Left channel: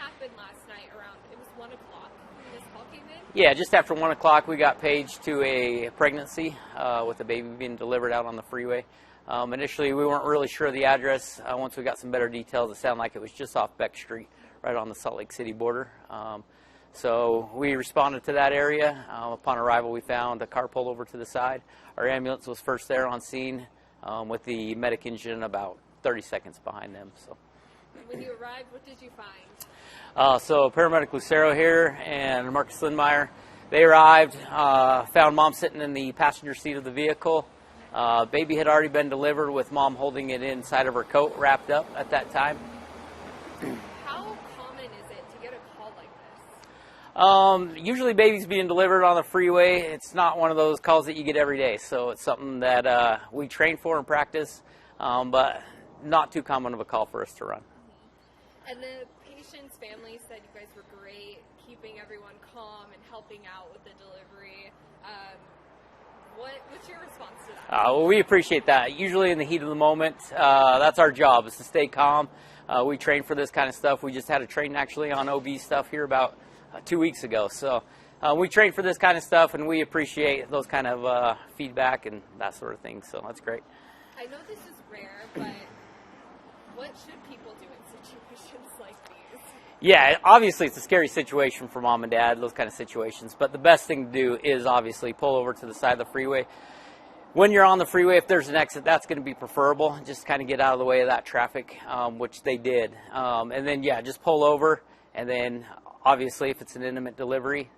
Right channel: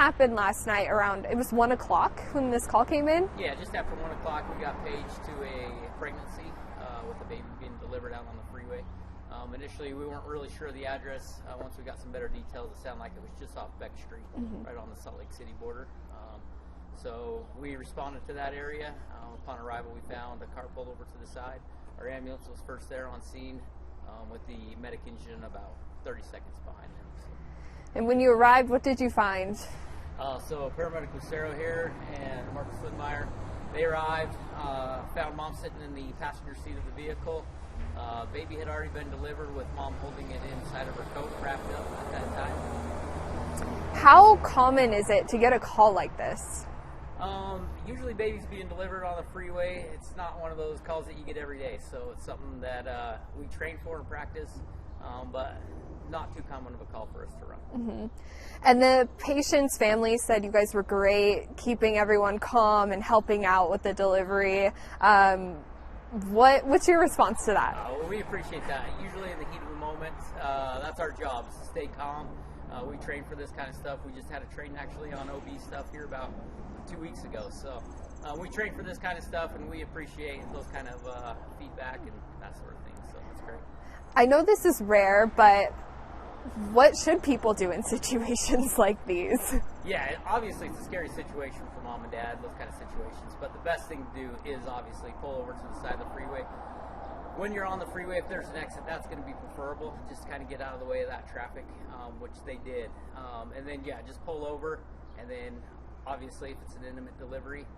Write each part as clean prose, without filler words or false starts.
happened last night around, it was 1 o'clock when this call came in? Yeah, just after 1 o'clock we got paged to a pregnancy with a baby being delivered out on the freeway. Initially we weren't really sure of the address. Once we got some better details, it sounded like it was just off Beck Street, right on the Salt Lake City border. So we responded to that area. Upon arrival we found a car pulled over to the side. Our ambulance was first there on scene with the medic engine about 30 seconds behind them. So. And when you arrived, what did you find? So paramedic Lucero here and Marcus Lindmeyer, they arrived, found mom sitting in the passenger seat of the vehicle. Baby had already been delivered with mom holding it inside of her coat, wrapped up at that time. How common is it to get a call like this? Usually babies being delivered on the freeway, it's not one of those calls that you get every day. So it's something that we train for and practice, but not too common of a call for us to run. And the patient's family said you guys were great, keeping everyone calm and helping out with the delivery. What's your response to that? Well, we appreciate that. Usually in the heat of the moment, that's our job, is to stay calm. We train for this kind of stuff. We just had a training actually on OB stuff here about 2 weeks ago. So we train for this kind of stuff, and we appreciate those kind of feedback and that sort of thing. So that's great. I know this is rare, but what should people do in situations like these? Yeah, obviously it's a scary situation for mom and dad, those kind of situations. But the best thing to do is obviously pull over to the side of the freeway. When you're on the freeway, if there's an exit, that's going to be preferable. Just kind of get out of the way of that traffic, which they did. And then, yeah, just pull over. And then, obviously, if it's an intimate delivery,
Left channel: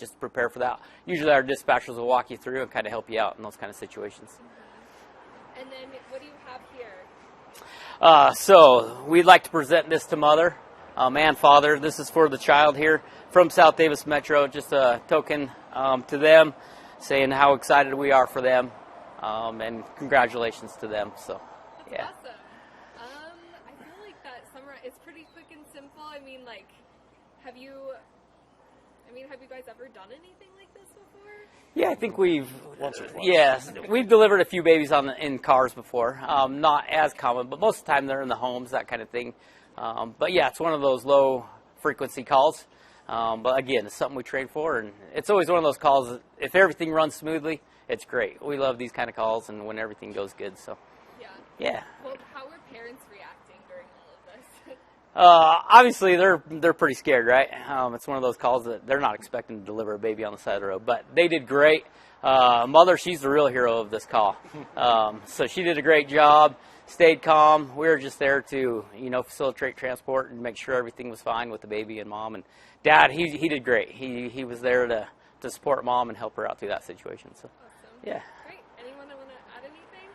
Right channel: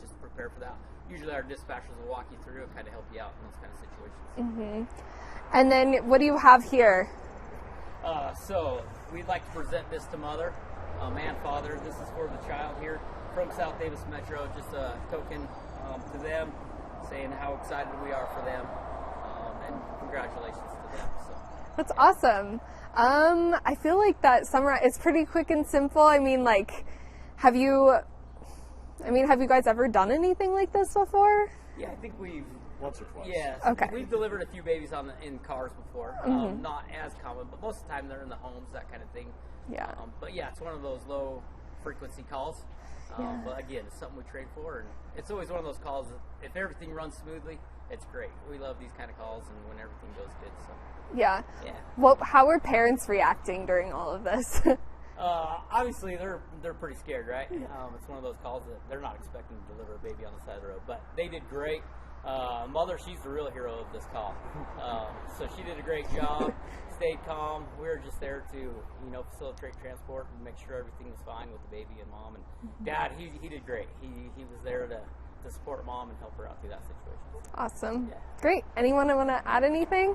just prepare for that. Usually our dispatchers will walk you through and kind of help you out in those kind of situations. And then what do you have here? So we'd like to present this to mother and father. This is for the child here from South Davis Metro. Just a token to them, saying how excited we are for them, and congratulations to them. So that's awesome. I feel like that it's pretty quick and simple. I mean, like, have you guys ever done anything like this before? Yeah, I think we've once or twice. Yes, okay. We've delivered a few babies in cars before. Not as common, but most of the time they're in the homes, that kind of thing. Yeah. But yeah, it's one of those low frequency calls. But again, it's something we train for, and it's always one of those calls that if everything runs smoothly, it's great. We love these kind of calls and when everything goes good. So Yeah. Well, how are parents reacting during all of this? Obviously they're pretty scared, right? It's one of those calls that they're not expecting to deliver a baby on the side of the road, but they did great. Mother, she's the real hero of this call. So she did a great job, stayed calm. We were just there to, facilitate transport and make sure everything was fine with the baby and mom. And dad, he did great. He was there to support mom and help her out through that situation. So. Awesome. Yeah. Great. Anyone want to add anything?